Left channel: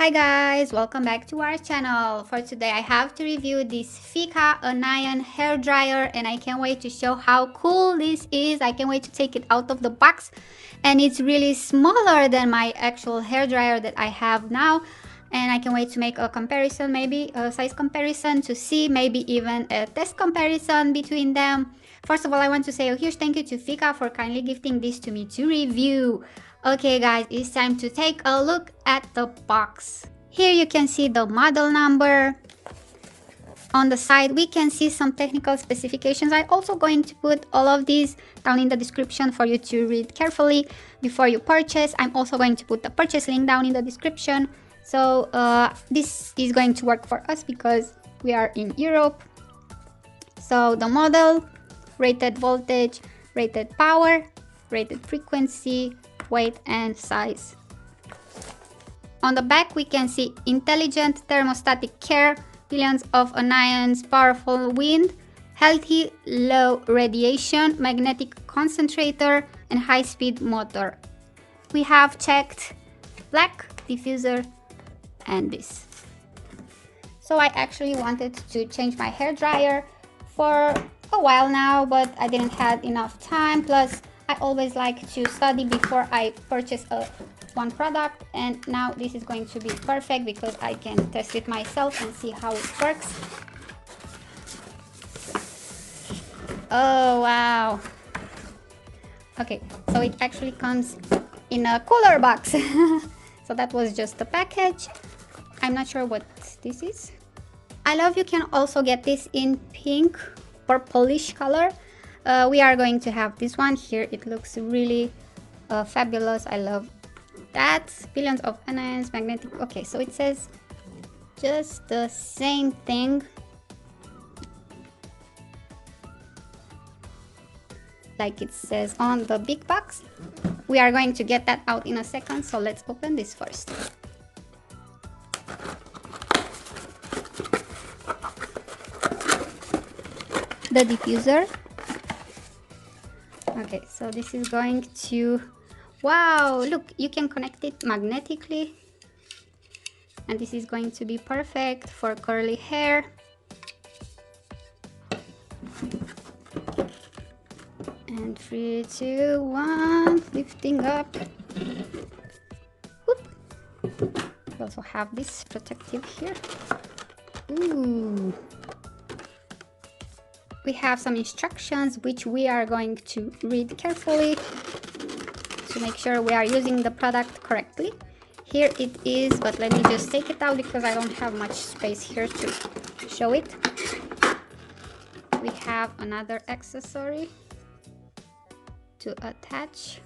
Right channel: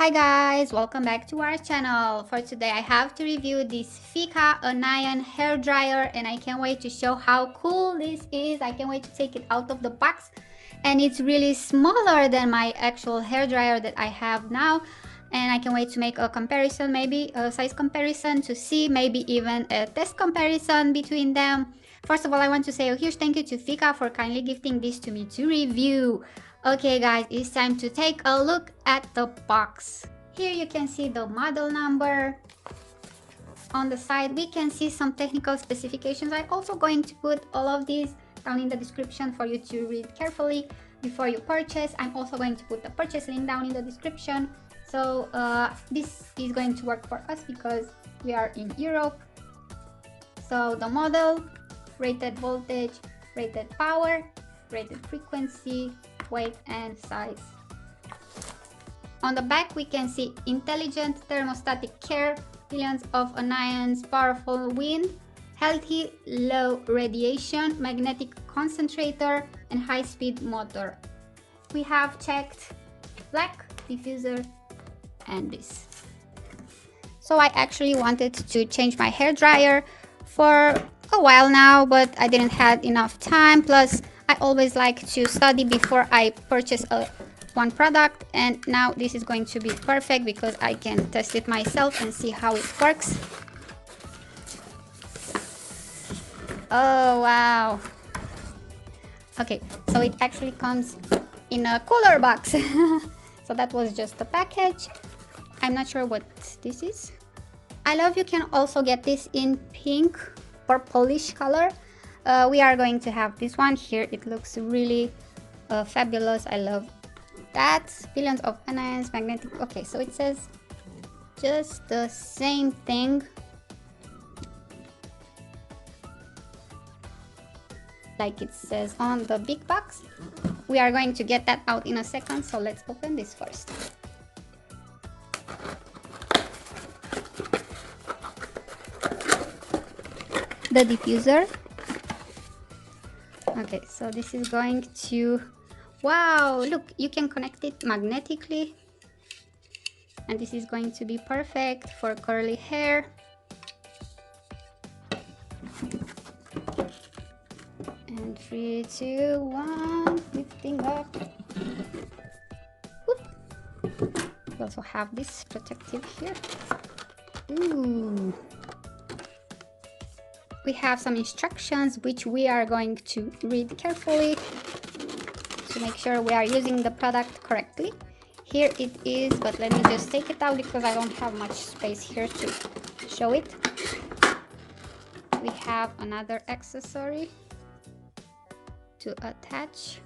Hi guys, welcome back to our channel. For today I have to review this Feekaa Anion hair dryer and I can't wait to show how cool this is. I can't wait to take it out of the box, and it's really smaller than my actual hair dryer that I have now, and I can wait to make a comparison, maybe a size comparison, to see maybe even a test comparison between them. First of all, I want to say a huge thank you to Feekaa for kindly gifting this to me to review. Okay guys, it's time to take a look at the box. Here you can see the model number. On the side we can see some technical specifications. I'm also going to put all of these down in the description for you to read carefully before you purchase. I'm also going to put the purchase link down in the description. So this is going to work for us because we are in Europe. So the model, rated voltage, rated power, rated frequency, weight and size. On the back we can see intelligent thermostatic care, billions of anions, powerful wind, healthy low radiation, magnetic concentrator and high-speed motor. We have checked black, diffuser and this. So I actually wanted to change my hair dryer for a while now, but I didn't have enough time. Plus I always like to study before I purchase one product, and now this is going to be perfect because I can test it myself and see how it works. Oh wow. Okay, so it actually comes in a cooler box. So that was just the package. I'm not sure what this is. I love you can also get this in pink or purplish color. We are going to have this one here. It looks really fabulous. I love that. Billions of anions, magnetic. Okay, so it says just the same thing like it says on the big box. We are going to get that out in a second, so let's open this first. The diffuser. Okay, so this is going to, wow, look, you can connect it magnetically, and this is going to be perfect for curly hair. And 3, 2, 1, lifting up. Whoop. We also have this protective here. Ooh. We have some instructions which we are going to read carefully to make sure we are using the product correctly. Here it is, but let me just take it out because I don't have much space here to show it. We have another accessory to attach.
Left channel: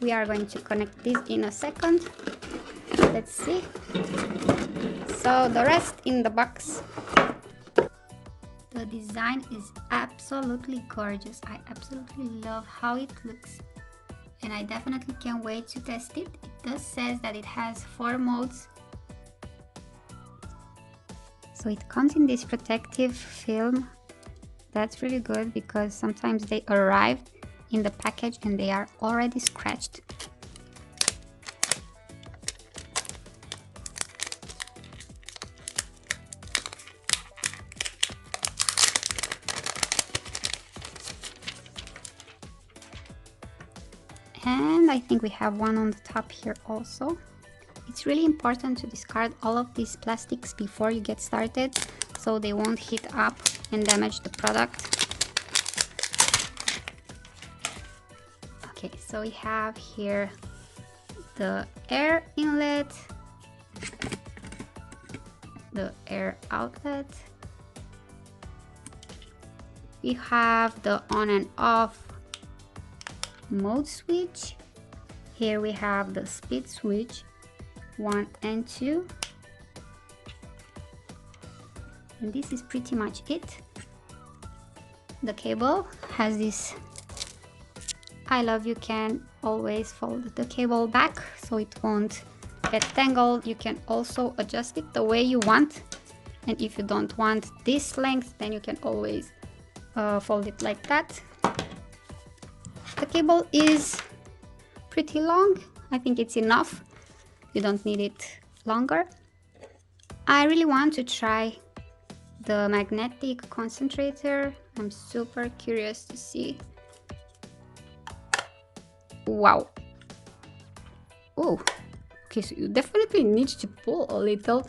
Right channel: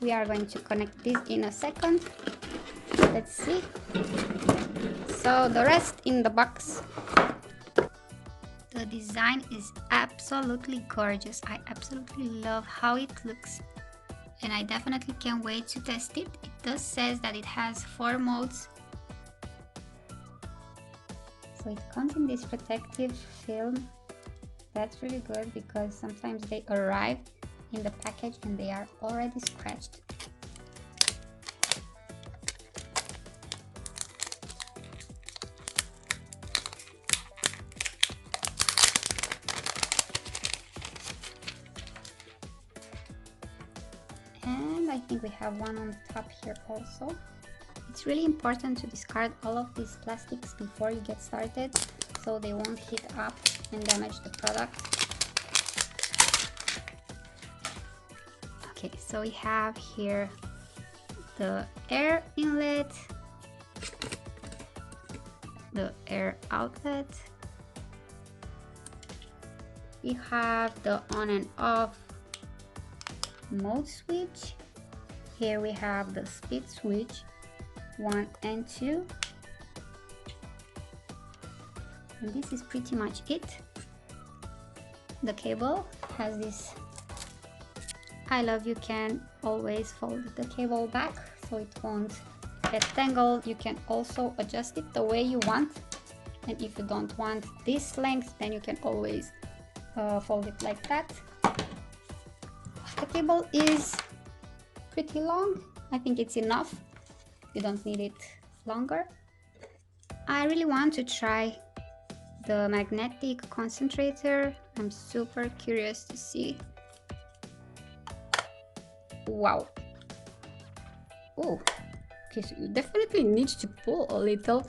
We are going to connect this in a second. Let's see. So the rest in the box. The design is absolutely gorgeous. I absolutely love how it looks, and I definitely can't wait to test it. It does say that it has 4 modes. So it comes in this protective film. That's really good because sometimes they arrive in the package and they are already scratched. And I think we have one on the top here also. It's really important to discard all of these plastics before you get started so they won't heat up and damage the product. Okay, so we have here the air inlet, the air outlet. We have the on and off mode switch. Here we have the speed switch 1 and 2, and this is pretty much it. The cable has this, I love you can always fold the cable back so it won't get tangled. You can also adjust it the way you want, and if you don't want this length then you can always fold it like that. The cable is pretty long. I think it's enough. You don't need it longer. I really want to try the magnetic concentrator. I'm super curious to see. Wow. Oh, okay, so you definitely need to pull a little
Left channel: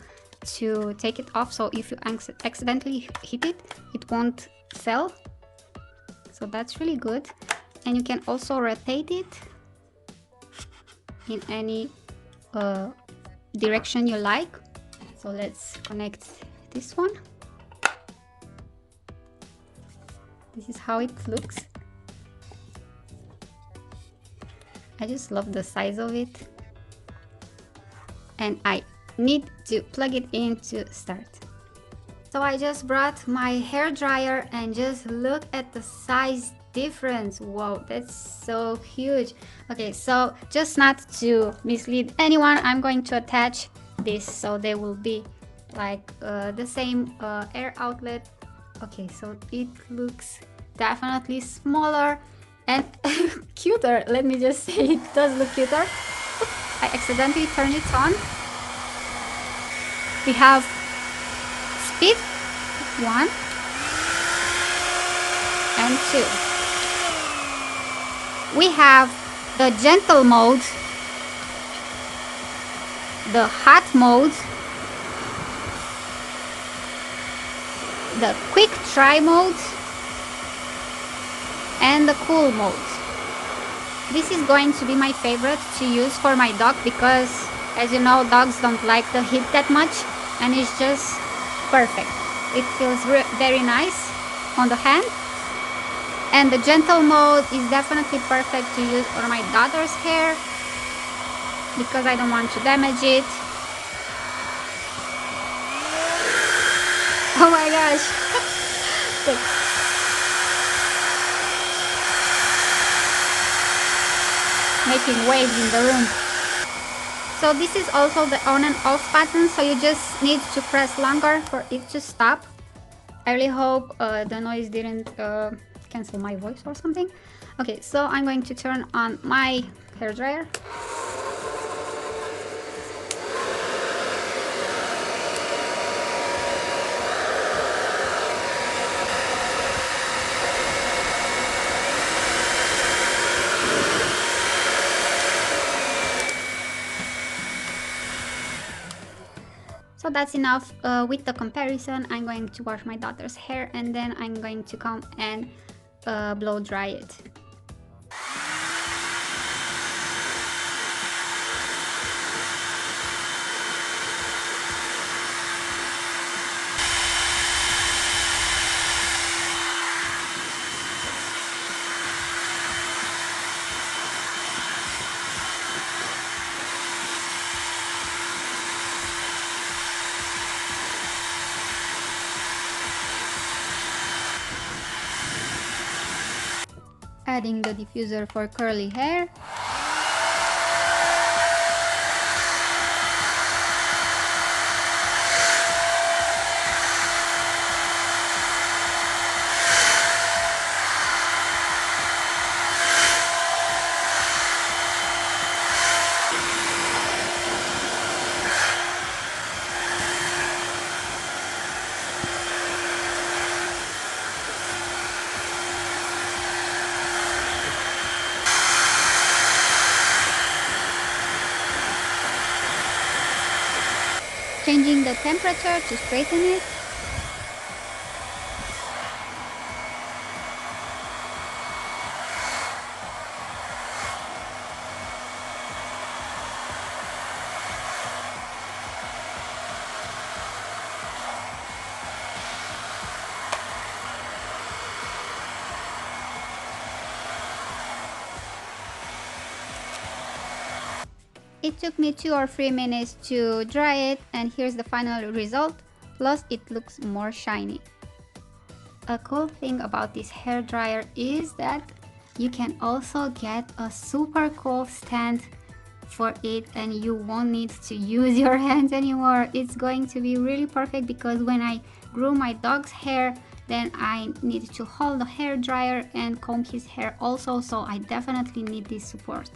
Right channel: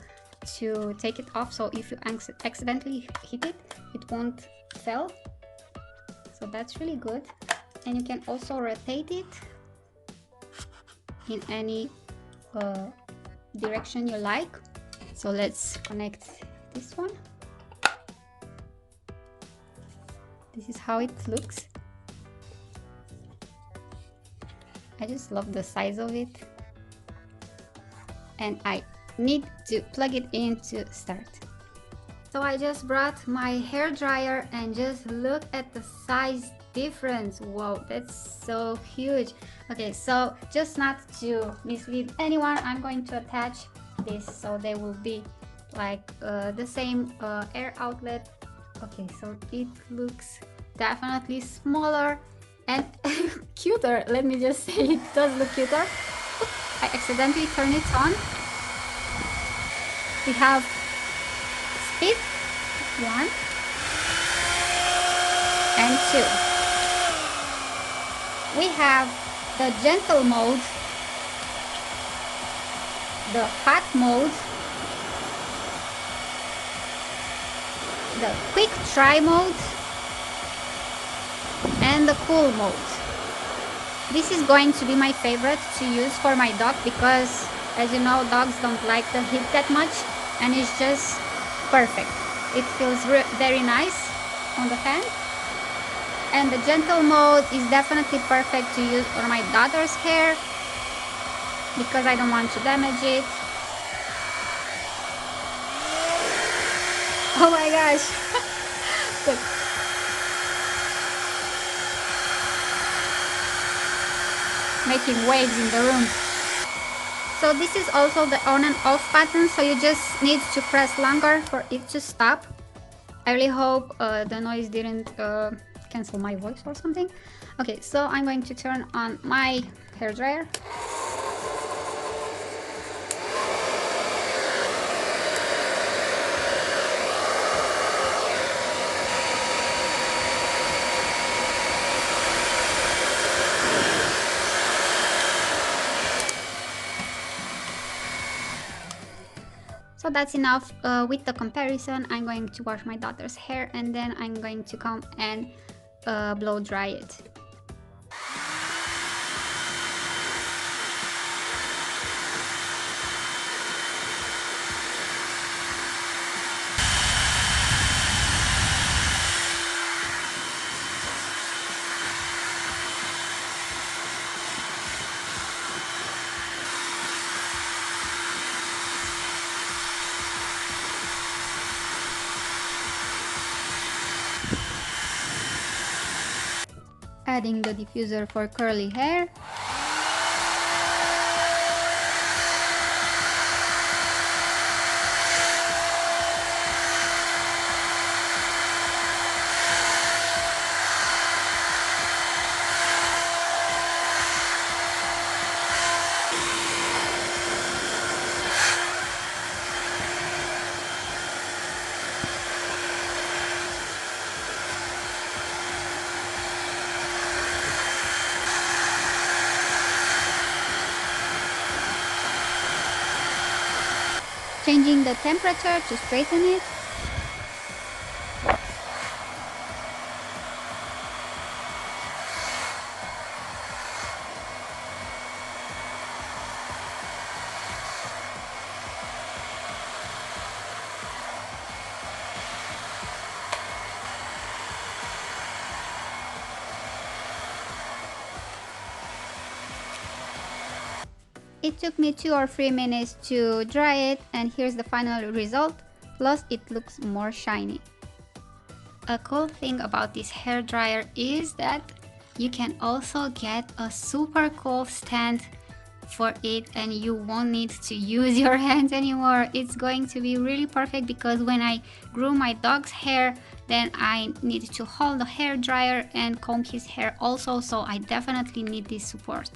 to take it off, so if you accidentally hit it, it won't fall. So that's really good. And you can also rotate it in any direction you like. So let's connect this one. This is how it looks. I just love the size of it. And I need to plug it in to start. So I just brought my hair dryer and just look at the size difference. Wow, that's so huge. Okay, so just not to mislead anyone, I'm going to attach this so they will be like the same air outlet. Okay, so it looks definitely smaller and cuter. Let me just say, it does look cuter. I accidentally turned it on. We have speed 1 and 2. We have the gentle mode, the hot mode, the quick dry mode, and the cool mode. This is going to be my favorite to use for my dog because, as you know, dogs don't like the heat that much, and it's just perfect. It feels very nice on the hand. And the gentle mode is definitely perfect to use on my daughter's hair because I don't want to damage it. Oh my gosh. Look. Making waves in the room. So this is also the on and off button, so you just need to press longer for it to stop. I really hope the noise didn't cancel my voice or something. Okay, so I'm going to turn on my hairdryer. So that's enough with the comparison. I'm going to wash my daughter's hair and then I'm going to come and blow dry it. Adding the diffuser for curly hair. Changing the temperature to straighten it. It took me 2 or 3 minutes to dry it, and here's the final result. Plus it looks more shiny. A cool thing about this hair dryer is that you can also get a super cool stand for it and you won't need to use your hands anymore. It's going to be really perfect because when I groom my dog's hair, then I need to hold the hair dryer and comb his hair also, so I definitely need this support.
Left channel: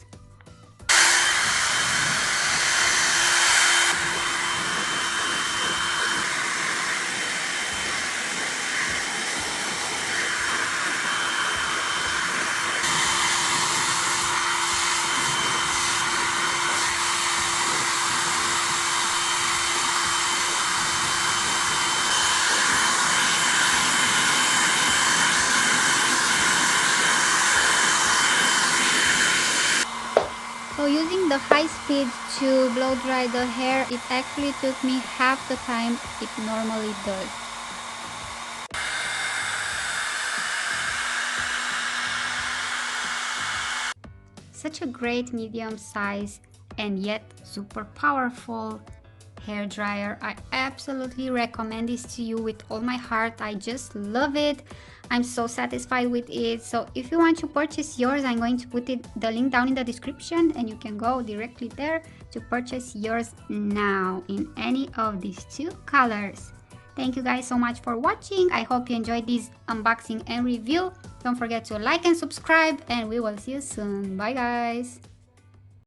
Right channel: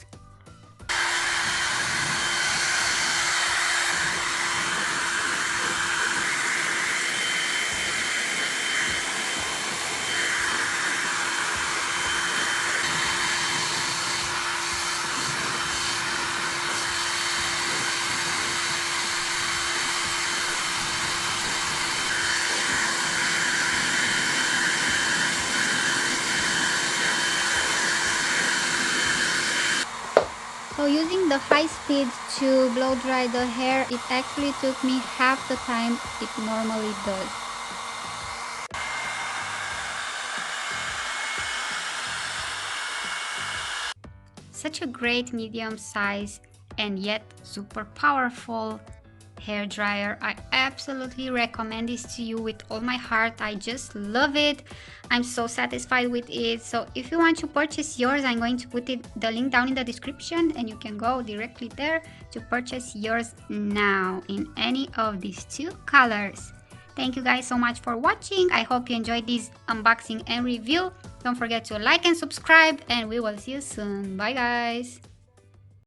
So using the high speed to blow dry the hair, it actually took me half the time it normally does. Such a great medium size and yet super powerful hair dryer. I absolutely recommend this to you with all my heart. I just love it. I'm so satisfied with it. So if you want to purchase yours, I'm going to put the link down in the description, and you can go directly there to purchase yours now in any of these two colors. Thank you guys so much for watching. I hope you enjoyed this unboxing and review. Don't forget to like and subscribe, and we will see you soon. Bye guys.